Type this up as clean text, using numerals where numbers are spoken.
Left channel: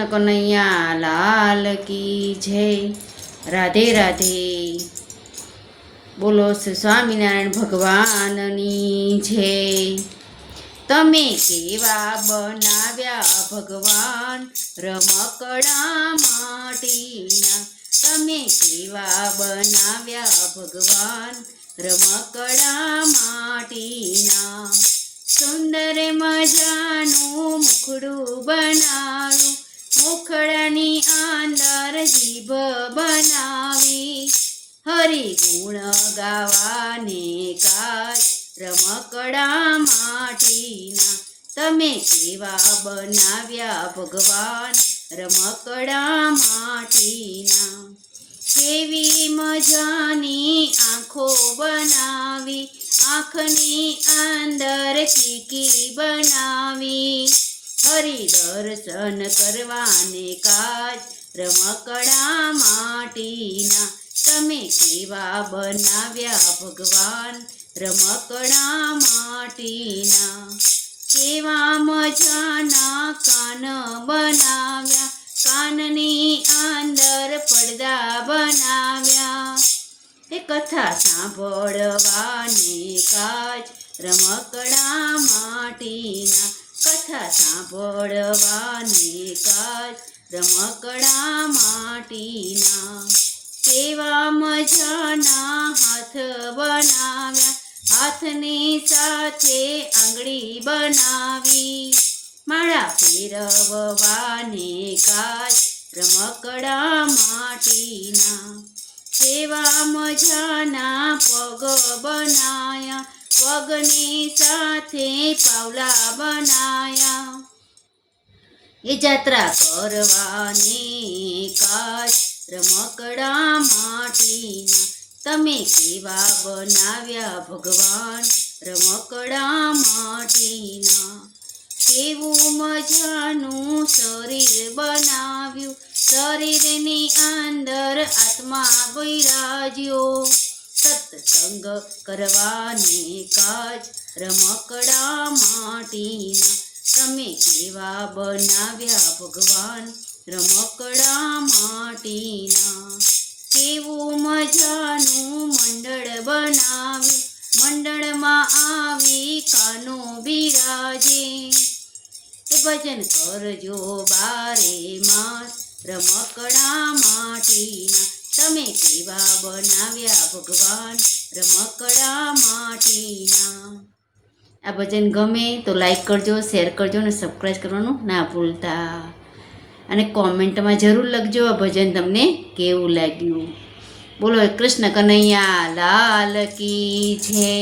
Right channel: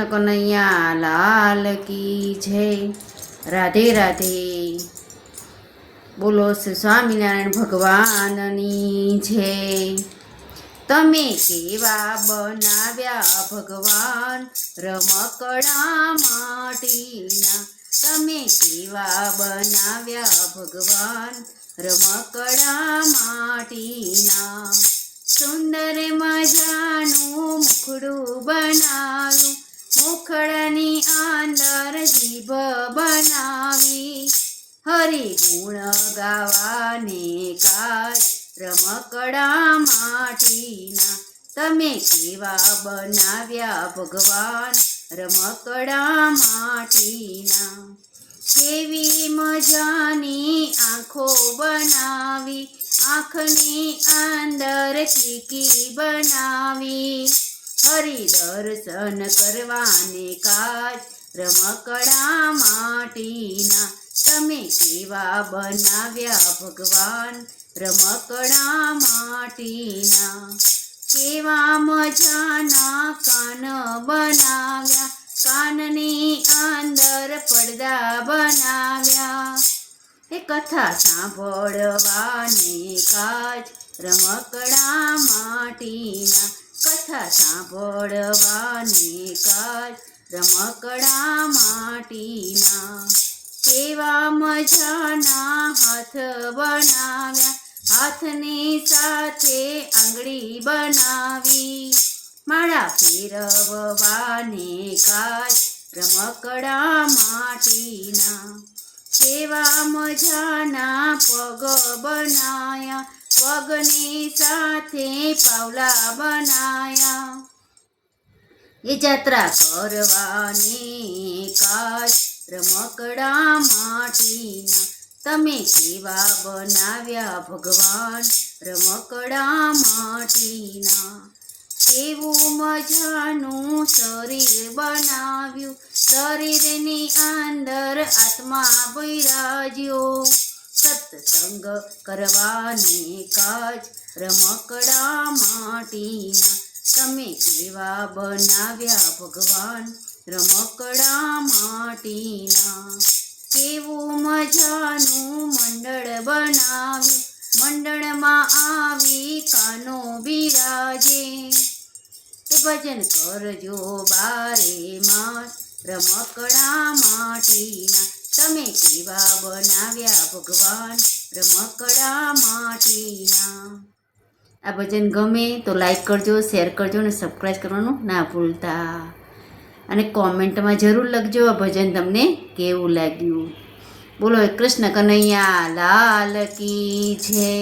કૃષ્ણ કનૈયા લાલ કી જય. રાધે રાધે. બોલો શ્રી સ્વામિનારાયણ ભગવાનની જય. તમે કેવા બનાવ્યા ભગવાન રમકડા માટીના. તમે કેવા બનાવ્યા ભગવાન રમકડા માટીના. સુંદર મજાનું મુખડું બનાવ્યું, મુખડાની અંદર જીભ બનાવી. હરિગુણ ગાવાને કાજ રમકડા માટીના. તમે કેવા બનાવ્યા ભગવાન રમકડા માટીના. કેવી મજાની આંખો બનાવી, આંખની અંદર કીકી બનાવી. હરિ દર્શન કરવાને કાજ રમકડા માટીના. તમે કેવા બનાવ્યા ભગવાન રમકડા માટીના. કેવા મજાના કાન બનાવ્યા, કાનની અંદર પડદા બનાવ્યા. એ કથા સાંભળવાને કાજ રમકડા માટીના. કથા સાંભળવાને કાજ રમકડા માટીના. કેવા મજાના હાથ બનાવ્યા, હાથની સાથે આંગળી બનાવી. માળા ફેરવવાને કાજ રમકડા માટીના. કેવા મજાના પગ બનાયા, પગની સાથે પાવલા બનાયા. એ જાત્રા કરવાને કાજ રમકડા માટીના. તમે કેવા બનાવ્યા ભગવાન રમકડા માટીના. કેવું મજાનું શરીર બનાવ્યું, શરીરની અંદર આત્મા બિરાજ્યો. સત્સંગ કરવાને કાજ રમકડા માટીના. તમે કેવા બનાવ્યા ભગવાન રમકડા માટીના. કેવું મજાનું મંડળ બનાવ્યું, મંડળમાં આવી કાનો બિરાજે. એ ભજન કરજો બારે માસ રમકડા માટીના. તમે કેવા બનાવ્યા ભગવાન રમકડા માટીના. આ ભજન ગમે તો લાઈક કરજો, શેર કરજો અને સબસ્ક્રાઈબ કરવાનું ના ભૂલતા. અને કોમેન્ટમાં જરૂર લખજો આ ભજન તમને કેવું લાગ્યું. બોલો કૃષ્ણ કનૈયા લાલ કી જય.